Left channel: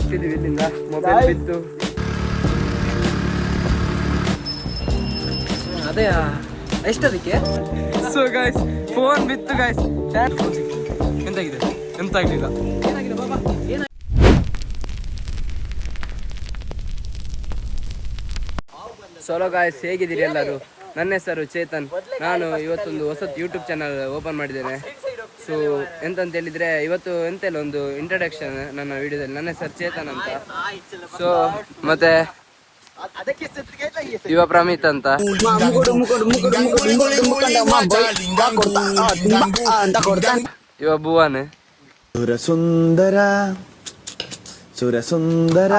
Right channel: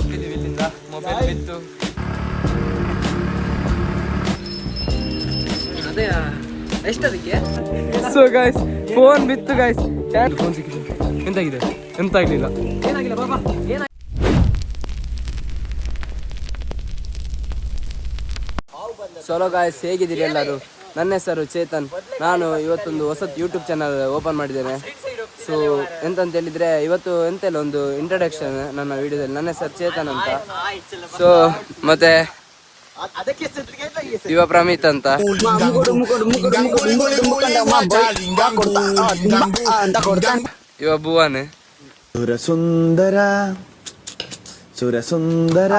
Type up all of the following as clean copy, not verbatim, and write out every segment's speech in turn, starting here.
ಹೋಗ್ತಿದ್ವಿ ಇಲ್ಲಿಂದ. ಮೊಬೈಲ್ ಬಿತ್ತು. ಅದೇ ಎಷ್ಟದಕ್ಕೆ. ಸೊ ಗೈಸ್ ಫೋನ್ ಬಿತ್ತು ಗೈಸ್. ಎಂತಾಗಿದೆ? ಎಂತ ಆಗಲಿಲ್ಲ. ಸೋಲೋ ಗಾಯ್ಸ್, ಹೇಗಿದ್ದೀರಿ ಎಲ್ಲರೂ? ನನ್ನ ಹೆಸರು ಚೇತನ್. ನಾನು ಇವತ್ತೊಂದು ಹೊಸ ಯೂಟ್ಯೂಬ್ ಚಾನಲ್ ಓಪನ್ ಮಾಡಿದ್ದೇನೆ. ಸೊ ಎಂತಂತ ಹೇಳಿದರೆ, ಇವತ್ತು ಎಂತೆಲ್ಲ ಒಂದು ಇಂಟ್ರಡಕ್ಷನ್ ನನ್ನ ವಿಡಿಯೋದಲ್ಲಿ. ನನ್ನ ಹೆಸರು ಚೇತನ್ ಅಂತ. ಸೊ ಮತ್ತೆ ಇವ ಪ್ರಮಿತ್ ಅಂತ. ಇವ ಭುವನ್. ಸುರಸುಂದರ ಸುರಸುಂದರ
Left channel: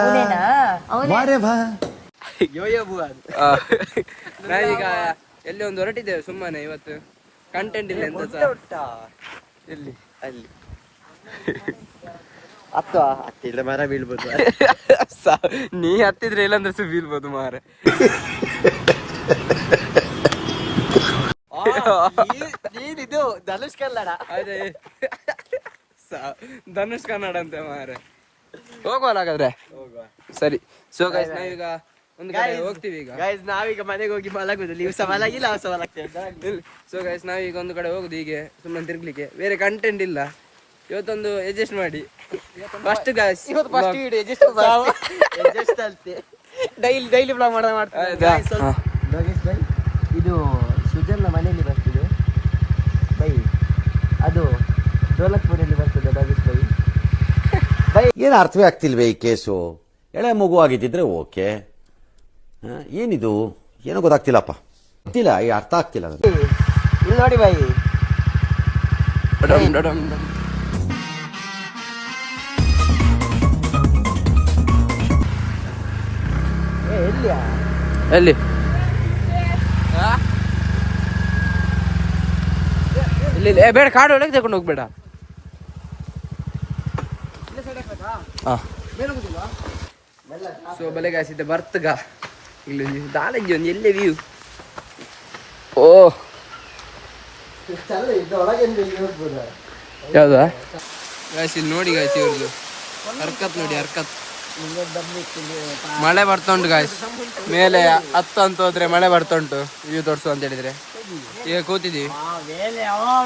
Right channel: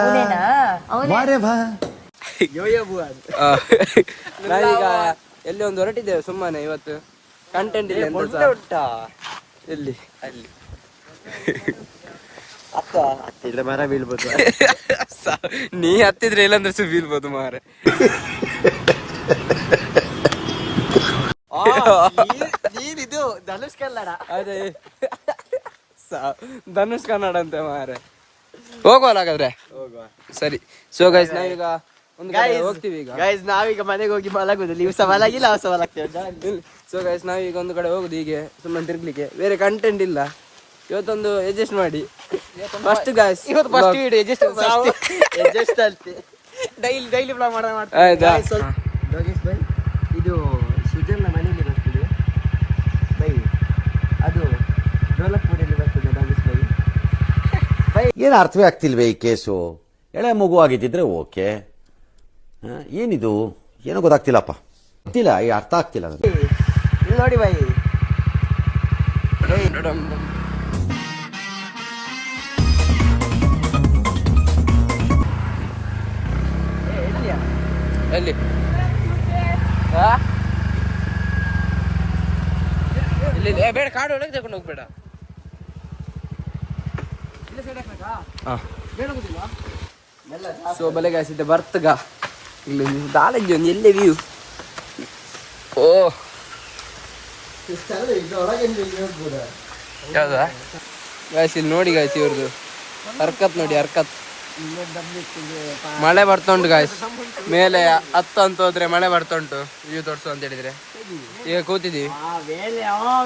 ನಾವೀಗ ಎಲ್ಲಿ ಒಂದು ಹೊರಟಿದ್ದೇವೆ ಸುಮ್ಮನೆ. ಇವತ್ತು ಕಂಟೆಂಟ್ ಇಲ್ಲ ಎಂತ ಸಹ. ಎಲ್ಲಿ ಹತ್ತಿದ್ರೆ ಮರ ಬೀಳ್ಬೋದು. ನೀ ಹತ್ತಿದ್ರೆ ಇಲ್ಲಾಂದ್ರೆ ಸು ಬೀಳ್ಬೋದು ಮಾರೆ. ಧನುಷ್ ಕನ್ನಡ. ಅದೇ ಧನುಷ್ ಕನ್ನಡ ಅಂತೆ ಮಾರೆ. ಹೋಗುವಲ್ಲ ಹಾಗಾದ್ರೆ. ಸರಿ. ಸೊ ಗೈಸ್ ನಾವೀಗ ಒಂದು ಕಡೆ ಹೋಗ್ತೀವಿ. ಈಗ ಗೈಸ್ ನಾವೀಗ ಮನೆಗೆ ಹೋಗಿ ಮಲಗುದು. ನೀವು ಸಹ ಮಲಗಿಲ್ಲ, ಹೊಸ ಮಲಗ್ತೇವೆ. ಸೊ ಗೈಸ್ ನಾವೀಗ ಒಂದು ಕಡೆ ಹೋಗುದು, ಹೀಗೆ ಸುಮ್ಮನೆ ತಿರ್ಗ್ಲಿಕ್ಕೆ. ಬೇರೆ ಕಂಟೆಂಟ್ ಇಲ್ಲ ಇವತ್ತೊಂದು. ಅಡ್ಜಸ್ಟ್ ಮಾಡಿ ಫಸ್ಟ್ ಗೈಸ್. ಡೈಲಿ ಬ್ಲಾಗ್ ಮಾಡೋಣ. ಯೋಗೇಶ್ ಬೈ, ಇದು ಸುಜನ್ನ ಮನೆಯಲ್ಲಿ ಬರ್ತಿದೆ ಬೈ. ಅದು ಡೋಲಪುರಲ್ಲಿ ಬರ್ತದೆ ಯೋಗೇಶ್ ಬೈ. ಏನು ಅರ್ಥವೇ ಆಗ್ತಿಲ್ವೇ ಈ ಕೇಸು? ಎಳೆ ಮಗು ಆಗಿದ್ದಿದ್ರೆ ಓಕೆ. ಏನಿದು ಏನೋ ಗೊತ್ತಾಗ್ತಿಲ್ಲಪ್ಪ. ಗೊತ್ತಿಲ್ಲ, ಈ ಅರ್ಥ ಆಗ್ತಿಲ್ಲ ನನಗೆ. ನೋಡಿ ಬೈ. ಎಲ್ಲಿ ಇಲ್ಲಿ ಬೇಡ, ಕಾಡು ಒಳಗೆ ತಗೊಂಡು ಹೋಗ್ಬೇಡ. ಸೊ ಬಲೆಗಾಯಿಸಿದ್ದೆ ಬರ್ತಗ ಇಲ್ಲಿ ದಾಳಗೆ ಒಂದು ಎಲ್ಲೇ ವ್ಯೂ. ಓ ಯಾವ್ದಾ ಗಾಯ್ಸ್? ಇಲ್ಲಿ ನೋಡಿ ಗಾಯ್ಸ್, ಇವ್ರದ್ದು ಹರ್ಕತ್ ನೋಡಿ, ಹರ್ಕತ್. ಮಳೆ ಬರ್ತಾ ಉಂಟು ಗಾಯ್ಸ್. ಮೇಲೆ ಹತ್ತು ಅಂತ ಹೋದ್ರೆ ಮಳೆ ಬರ್ತಾ ಉಂಟು. ವ್ಯೂ ತೋರ್ಸು ಅಂತ ಹೇಳಿದ್ರೆ ಈಗ ಕೂತಿದ್ವಿ,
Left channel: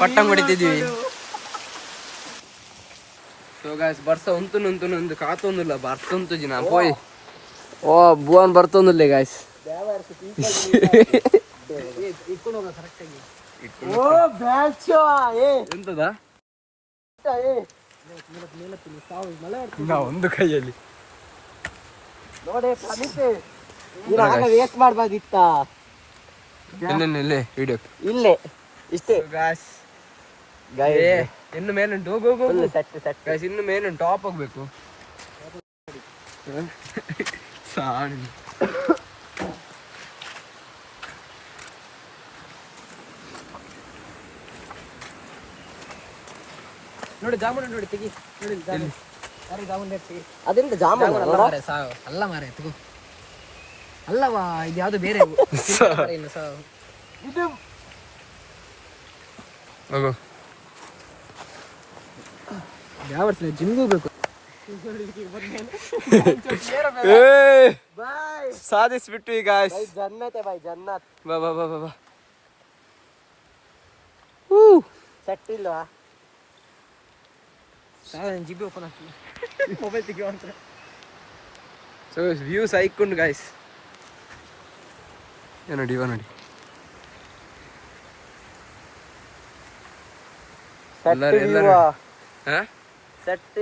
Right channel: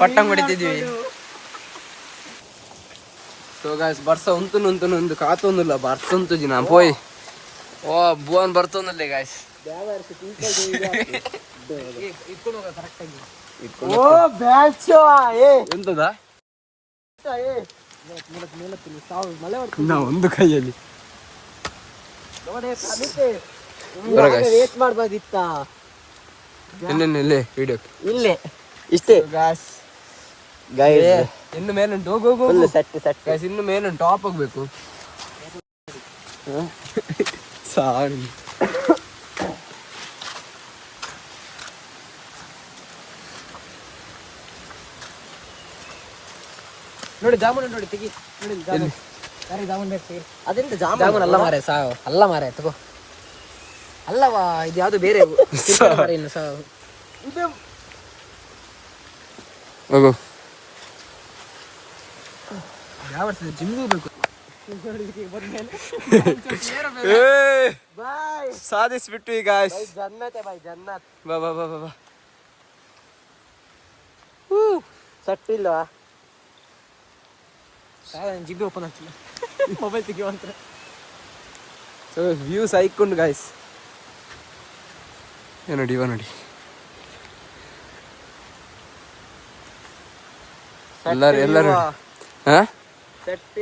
ಪಟ್ಟ ಹೊಡಿತಿದ್ವಿ. ಸೊ ಗಾಯ್ಸ್ ಬರ್ಸ ಉಂಟು ಕಾತೊಂದಿಲ್ಲ. ಬರ್ಸಂತು ಜಿನ ಪೋಯ್. ಓ ಭುವನ್ ಬರ್ತೊಂದಿಲ್ಲ ಗಾಯ್ಸ್. ಎಂತದ ಒಂದು ಕೈಯಲ್ಲಿ ವೇಸ್ಟ್ ಮಾಡ್ಬೋದಿತ್ತ. ಇನ್ನೇನಿಲ್ಲ ವಿಡಿಯೋ ಇಲ್ಲೇ ಇಷ್ಟೇ ಗಾಸ್. ಇನ್ನು ಮೇಲೆ ಹೋಗು ಗೈಸ್. ಇನ್ನು ಮೇಲೆ ಟಾಪ್ ಹೋಗ್ಬೇಕು. ಸಾರಿ ನೋಡಿ ಜಾಮೂನ್ ನೋಡಿ, ತೆಗಿ ನೋಡಿ ಜಾಮೂನ್. ಅದರಿಂದ ಜಾಮೂನ್ ಅಲ್ಲ ಮಾರೆ, ಸಾವು ಅಲ್ಲ ಮಾರೆ. ತಗೋ ಅಲ್ಲವಾ, ಇದು ಯಾವ್ದು ಬೇರೆ. ಇದು ಹೋಗು. ಸಾಧಿಸ್ಬಿಟ್ವಿ ಗಾಯ್ಸ್. ಜನ್ನತೆ ಬಾಯ್, ಜನ್ನತ್. ಬಾ ಬಾ ಬಾ ಬಾ. ಸೆಟ್ ಇಲ್ವಾ? ಜಿಬ್ ಓಪನ್ ಆಗ್ತಿಲ್ಲ, ಮೊಬೈಲ್ ತೆಗಿಯುವ ಅಂತ. ಸೊ ವ್ಯೂಸ್ ಹಾಕೊಂಡು ಗಾಯ್ಸ್. ನೋಡಿ ಇವ ನೋಡಿ, ಎಲ್ಲರೂ ಸೆಟ್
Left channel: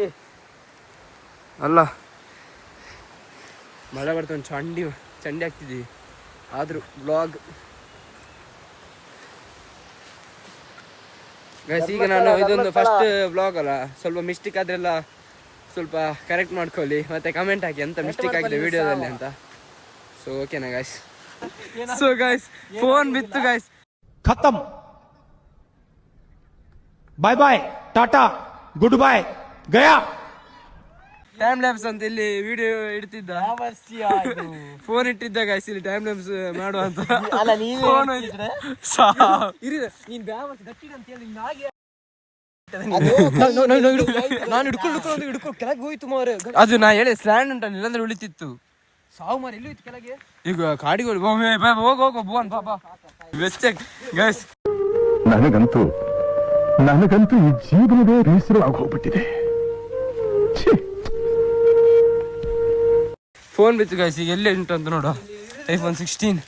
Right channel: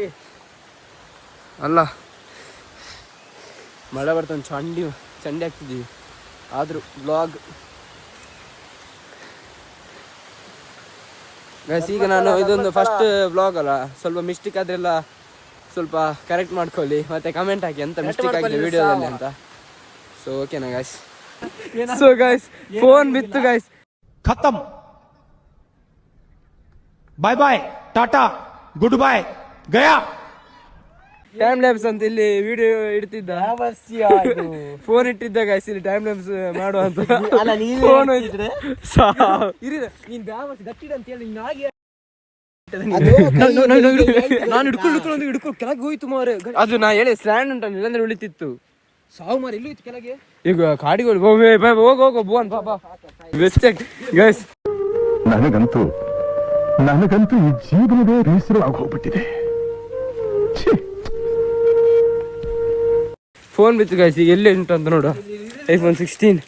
ಅಲ್ಲ. ಮಳೆ ಬರ್ತಾನೆ, ಚಂಡಿ ಆಗ್ತಿದ್ದೀವಿ. ಆದರೂ ಬ್ಲಾಗ್ ಗೈಸ್. ಈಗ ನಾನು ಇದೊಂದು ಫಸ್ಟ್ ಬ್ಲಾಗ್ ಅಲ್ಲ, ಸ್ವಲ್ಪ ಮಿಸ್ಟೇಕ್ ಆದ್ರೆಲ್ಲ ಸ್ವಲ್ಪ ಕರೆಕ್ಟ್ ಮಾಡ್ಕೊಳ್ಳಿ. ಮತ್ತೆ ಕಮೆಂಟ್ ಹಾಕಿ ಎಂತ ಮಿಸ್ಟೇಕ್ ಆಗಿದೆ ವಿಡಿಯೋದಲ್ಲಿ ಅಂತ. ಸೊ ಓಕೆನಾ ಗೈಸ್? ಸೊ ಗೈಸ್ ಫೋನ್ ಬಿತ್ತು ಗೈಸ್. खत्म, बाय बाय, टाटा, गुड बाय, गया. ಟೈಮ್ ಲ್ಯಾಬ್ಸ್ ಅಂತ ಇಲ್ಲಿ ವಿಡಿಯೋ ಇಡ್ತಿದ್ದ, ಫೋನ್ ಇಟ್ಟಿದ್ದ ಗೈಸ್. ಇಲ್ಲಿ ಟೈಮ್ ಲ್ಯಾಬ್ಸ್ ಮಾಡುವಂತ ಫೋನ್ ನಾನು ಹಿಡ್ಕೊಂಡು ಕೆಳಗೆ ಹೋಯ್ತು ಮಾರೆ. ಅದು ನಾ ಹೇಳಿ ಸ್ಟ್ಯಾಂಡ್ ಉಂಟಲ್ಲ ಇಲ್ಲಾಂದ್ರೆ ಉಳಿತಿತ್ತು. ಸಾವು ಮಾರೆ ಎಲ್ಲಿ ಹೋಯ್ತು ಕೆಳಗೆ. ಈಗ ಕಾಡಿಗೆ ಹೋಗು ಬೋನ್ ಬಾಬಾ ಬೆಸ್ಟ್ ಗೈಸ್. ನನಗಂತೂ ಈ ಜೀವನವೇ ಬೇಸರವಾಗಿ ಹೋಗ್ಬಿಟ್ಟಿದೆ. ಫೋನ್ ಬಿತ್ತು ಗೈಸ್. ಈಗ ಎಲ್ಲಿ ಉಂಟು ಅಂತ ನೋಡು. iPhone 16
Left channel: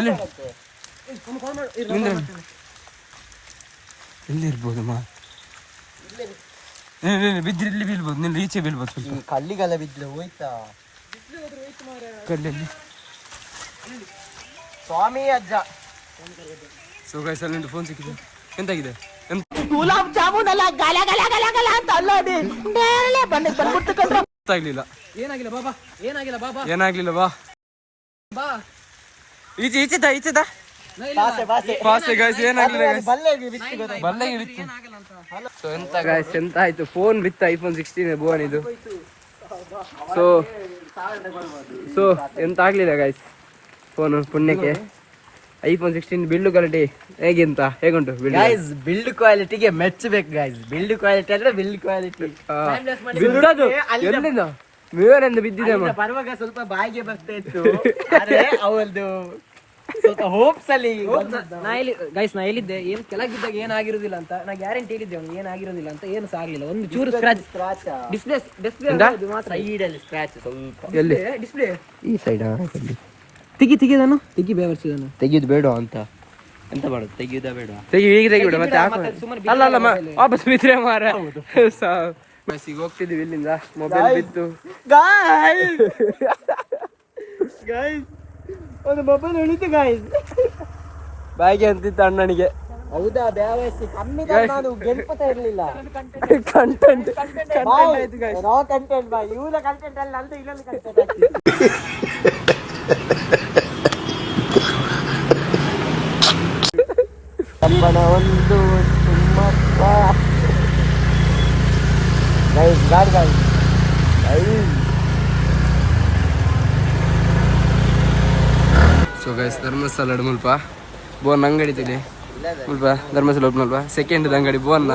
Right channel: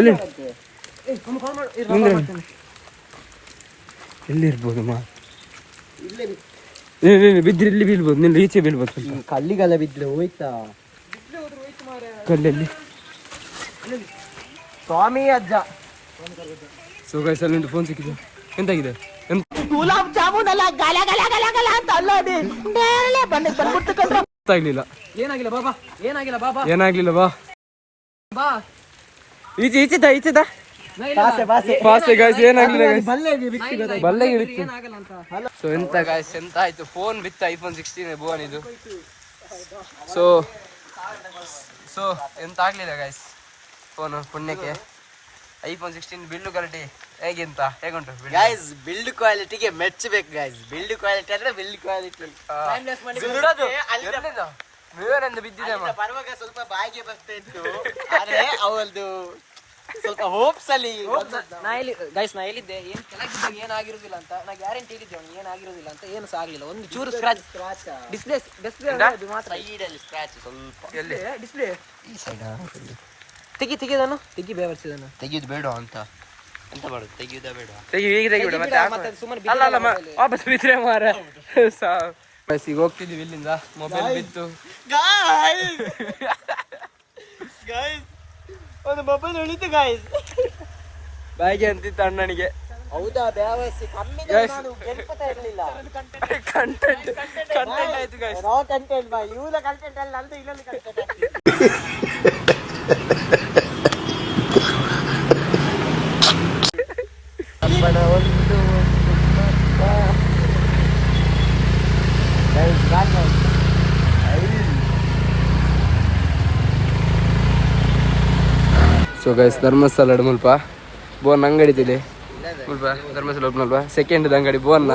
ಎಲ್ಲಿ ಎಲ್ಲಿರ್ಬೋದು ಮಾ ಬಿದ್ದರೆ ಇಲ್ಲಿ ಬೀಳ್ಬೋದು. ನಿನ್ನ ಈಚೆ ಬೀಳ್ಬೋದು ಸ್ವಲ್ಪ. ಕಲ್ಲಿಗೆಲ್ಲ ಬಿದ್ದರೆ ಹೋಯ್ತಾ ಕಲ್ಲಲ್ಲಿ. ಸ್ವಾಮಿ ಅಜ್ಜ. ಸೊ ಗೈಸ್ ಅಲ್ಲಿ ಫೋನ್ ಸಿಕ್ಕಿದೆ. ಎಂತಾಗಿದೆ? ಗುಲಾಬ್ ಜಾಮೂನ್ ಅಲ್ಲ ಗಲ ಗಲ ಗಲ ಗಲ ಅಂತ ಅಲ್ಲೋಡಿ ಗೊತ್ತಾಗ್ಲಿಲ್ಲ. ಏನಾಗಿಲ್ಲ ಬಾಬಾ, ಏನಾಗಿಲ್ಲ ಬಾಬಾ, ಏನಾಗ್ಲಿಲ್ಲ ಬಾ. ಬಾ ಈಚೆದ ಪಾಸೆ ಗಾಯ್ಸ್. ಏನಾಗ್ಲಿಲ್ಲ ಗಾಯ್ಸ್, ಬಲ್ಲೆಗೆ ಬಿತ್ತು. ಸೊ ಎಂತ ಗಾಯ್ಸ್, ಎಂತ ಆಯ್ತು, ಫೋನ್ ಬಿತ್ತು. iPhone 16 ಬೋನ್ ಇದು. ಸೊ ಎಂತ ಆಗ್ಲಿಲ್ಲ ಗಾಯ್ಸ್ ಫೋನು ಪುಣ್ಯಕ್ಕೆ. iPhone 16 ಬಿಲ್ಡ್ ಕ್ವಾಲಿಟಿ ಹೇಗುಂಟು? ಗೈಸ್ ಬಿಲ್ಡ್ ಕ್ವಾಲಿಟಿಗೆ ಮೆಚ್ಚಬೇಕು ಗೈಸ್. ಬಿಲ್ಡ್ ಕ್ವಾಲಿಟಿ ಅಂದ್ರೆ ಬಿಲ್ಡ್ ಕ್ವಾಲಿಟಿ. ಬಿದ್ದದು ಎಲ್ಲಿಂದ ಮೇಲಿಂದ ಬಿದ್ದಿದೆ ಬರುವಾಗ ಸ್ವಲ್ಪ ಬಾಯಿಗೆ ಬರ್ತಾ ಇತ್ತು, ಆದ್ರೆ ಅವರದು ಸ್ವಲ್ಪ ಹೋಪ್ಸ್ ಅಲ್ಲಿ ಗೈಸ್. ನಾ ಹೇಳಿದ್ದೆ ಏನ್ ಕೆಳಗಿದ್ದಾಗ ಏನಾಗಿರುದಿಲ್ಲ ಅಂತ. ನಾ ಗ್ಯಾರಂಟಿ ಹೇಳಿದ್ದೆ ಅವ್ನಿಗೆ ಏನಾಗಿರೋದಿಲ್ಲ ಅಂತ. ಏನು ಸಹ ಆಗ್ಲಿಲ್ಲ. ಒಂದು ಚೂರು ಸ್ಕ್ರಾಚ್ ಡಿಸ್ಪ್ಲೇ ಸೈಡ್ ಅಲ್ಲಿ ಸ್ಕ್ರಾಚ್ ಸ್ವಲ್ಪ. ಎಲ್ಲಿ? ಡಿಸ್ಪ್ಲೇ ಈ ಸೈಡ್ ತೆಗಿದಾನು ಬೇವರ್ಸಿದಾನು. ತೆಗಿಯೋದು ಬೇಡ ಅಂತ. ಎಂತ ಮಾಡೋದು? ತೆಗಿಯೋದ ಬೇಡ? ತೆಗಿ ಮತ್ತೆ ಅಲ್ಲ ವಾಪಸ್ ಬಿದ್ರೆ ಮಾರ. ಈಗ ಹೋಗ್ತಿದ್ವಿ ಇಲ್ಲಿಂದ. ಮೊಬೈಲ್ ಬಿತ್ತು ಗೈಸ್. ಒಂದು ಮೊಬೈಲ್ ಉಳಿತು ಗೈಸ್. ಬಾಯಿಗೆ ಅಂತಿತ್ತು ಅಣ್ಣನಿಗೆ. ಹೌದಾ? ಬೇವರ್ಸಿ ಕಮ್ಮಿ. ನಾನು ಗೆಲ್ಪತ ಇರ್ಲಿಲ್ಲ. ಕಂಟೆಂಟ್ ರಾ ಕಂಟೆಂಟ್ ಬಾ. ಇವರ ಕಂಟೆಂಟ್ ಅಲ್ಲ ಅಂತ ಇದರಲ್ಲಿ ಕಂಟೆಂಟ್ ಆಗ್ತಿತ್ತು. ಅಪ್ಪನ ಒಂದು ಸುಮ್ಮಪ್ಪ ಗೈಸ್. ಗಾಡಿ ಸೊ ಗೈಸ್ ಧರ್ಮಸ್ಥಳ ಮುಲ್ಪ ಬೋನ್ ಅಂಗಡಿ ತಿಳಿ ಮುಲ್ಪ ಧರ್ಮಸ್ಥಳ ಮುಲ್ಪ ಸೆಕೆಂಡ್ ಅಂಗಡಿ ಬೋನ್ನ.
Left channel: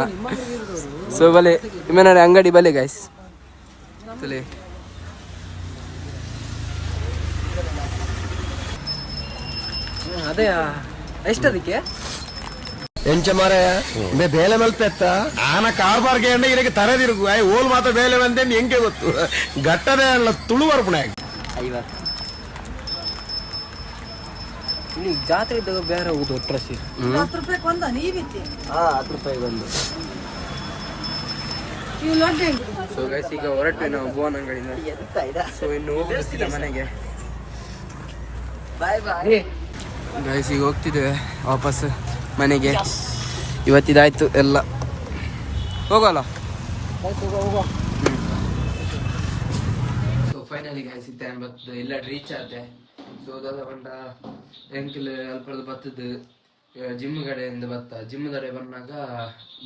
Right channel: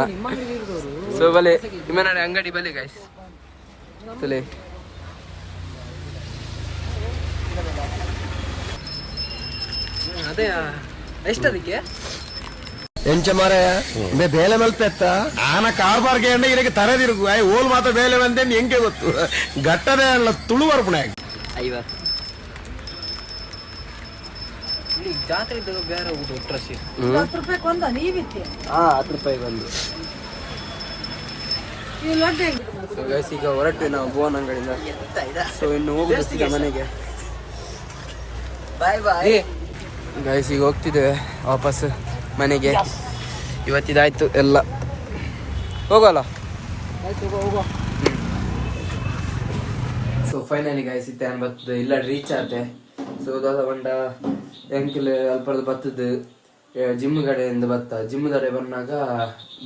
ಸೊ ಬಲೆ ಇಮೇನಾಡಿ ಅಂಗಡಿ ಬಲೆ ಗೈಸ್ ತುಲೆ. ಅದೇ ಎಷ್ಟದಕ್ಕೆ ಎಂಚ ಮಾರ ಬೇಲೆ ಮಲ್ಪೆತ್ತ ಆನ ಕಾರ್ಬಾರ್ಗೆ ಎಂಡ ಇದಕ್ಕೆ ತರದಿರುಗು ಐ ಓಲ್ ಮಾತ್ರ ಬೇಲೆ ಬಂದೆ ಹೆಂಗೆ ಗೊತ್ತು ಗಟ್ಟದೆ ಅಲ್ಲ ತುಳುವರ್ಪುಣ 50 ಇಲ್ಲಿ ಜಾತ್ರೆ ಇದ್ದಾಗ ಬೇರೆ ಹೋಗುದು ಒಟ್ರಸಿ. 10 ರೂಪಾಯಿಗೆ ಒಂದು. ಸೊ ಗೈಸ್ ಈಗ ಹೊರಟ್ವಿ ನಾವು ಬೋನ್ ಅಂಗಡಿಯಿಂದ. ಸೊ ಇನ್ನು ಹೋಗುದು ಮನೆಗೆ. ಬಾಯ್ ಬಾಯ್ ಗೈಸ್. ಈಗ ಹೋಗ್ತಿದ್ದೇವೆ ವಾಪಸ್ ಮನೆಗೆ. ಇವತ್ತಿದಾಯ್ತು ಎಲ್ಲ. ಹೋಗೋಲ್ಲ. ಸೊ ಫೈನಲಿ ಗೈಸ್ ಇತ್ತೆ ಬರ್ತದೆ ಇಲ್ಲ ರೀಚ್ ಆತೆ. ಸೊ ದಾದ ಬಂಡ ಎಂಕಲ್ ಅಲ್ಪದ ಬತ್ತದ ಜಿಮ್ ಕಡೆಯಿಂದ ಬತ್ತ. ಜಿಮ್ ದಡೆ ಬಂದಾಗ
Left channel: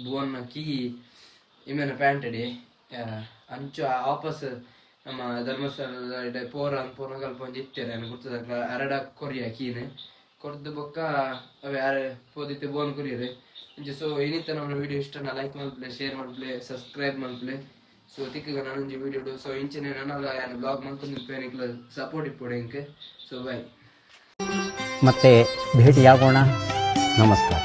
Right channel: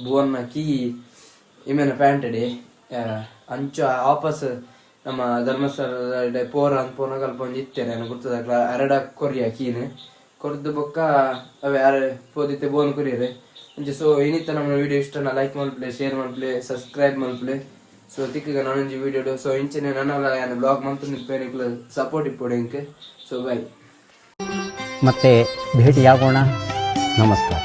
ಬೋನ್ನ ಕೀ ಇಮೇನ ಪ್ಯಾಂಟ್ ಅಡಿ ಅಂಚ ವಾಪಸ್ ನಮ್ಮ ಧರ್ಮಸ್ಥಳ ಪೋರ ಪೋನಾಗ ಅಲ್ಪ ಒಂದು ಇತ್ತೇನೆ ಗುರ್ತದಾಗ ಅರಡ ಕೊರಿಯ ಕೀನು ಕೊರ್ದು ಬೊಕ್ಕ ಅವೇ ಯಾರು ಪೋದಿತ್ತೆ ಬೋನ್ ಕೊರಿಯರೆ ಅಂಚೆ. ಸೊ ಏನಿತ್ತ ನಮ್ಮ ವಿಡಿಯೋ ಇಷ್ಟನ ಲೈಕ್ ಮಾಡ್ಪ್ಲೆ, ಶೇರ್ ಮಾಡ್ಪ್ಲೆ, ಸಬ್ಸ್ಕ್ರೈಬ್ ಮಾಡ್ಪ್ಲೆ. ಸೊ ತಿಕ್ಕ ನಾನೊಂಜಿ ವಿಡಿಯೋ ಸೊ ಇಂಚಿನ ನನ್ನ ಏನು ಬ್ಲಾಗ್ ಮಾಡ್ತು ನಿಂಗೆ ಸಪೋರ್ಟ್ ಇಪ್ಪೋಡೆ ಇಂಕೆ. So bye. ಮತ್ತೆ ಭೇಟಿಯಾಗೋಣ. ನಮಸ್ಕಾರ.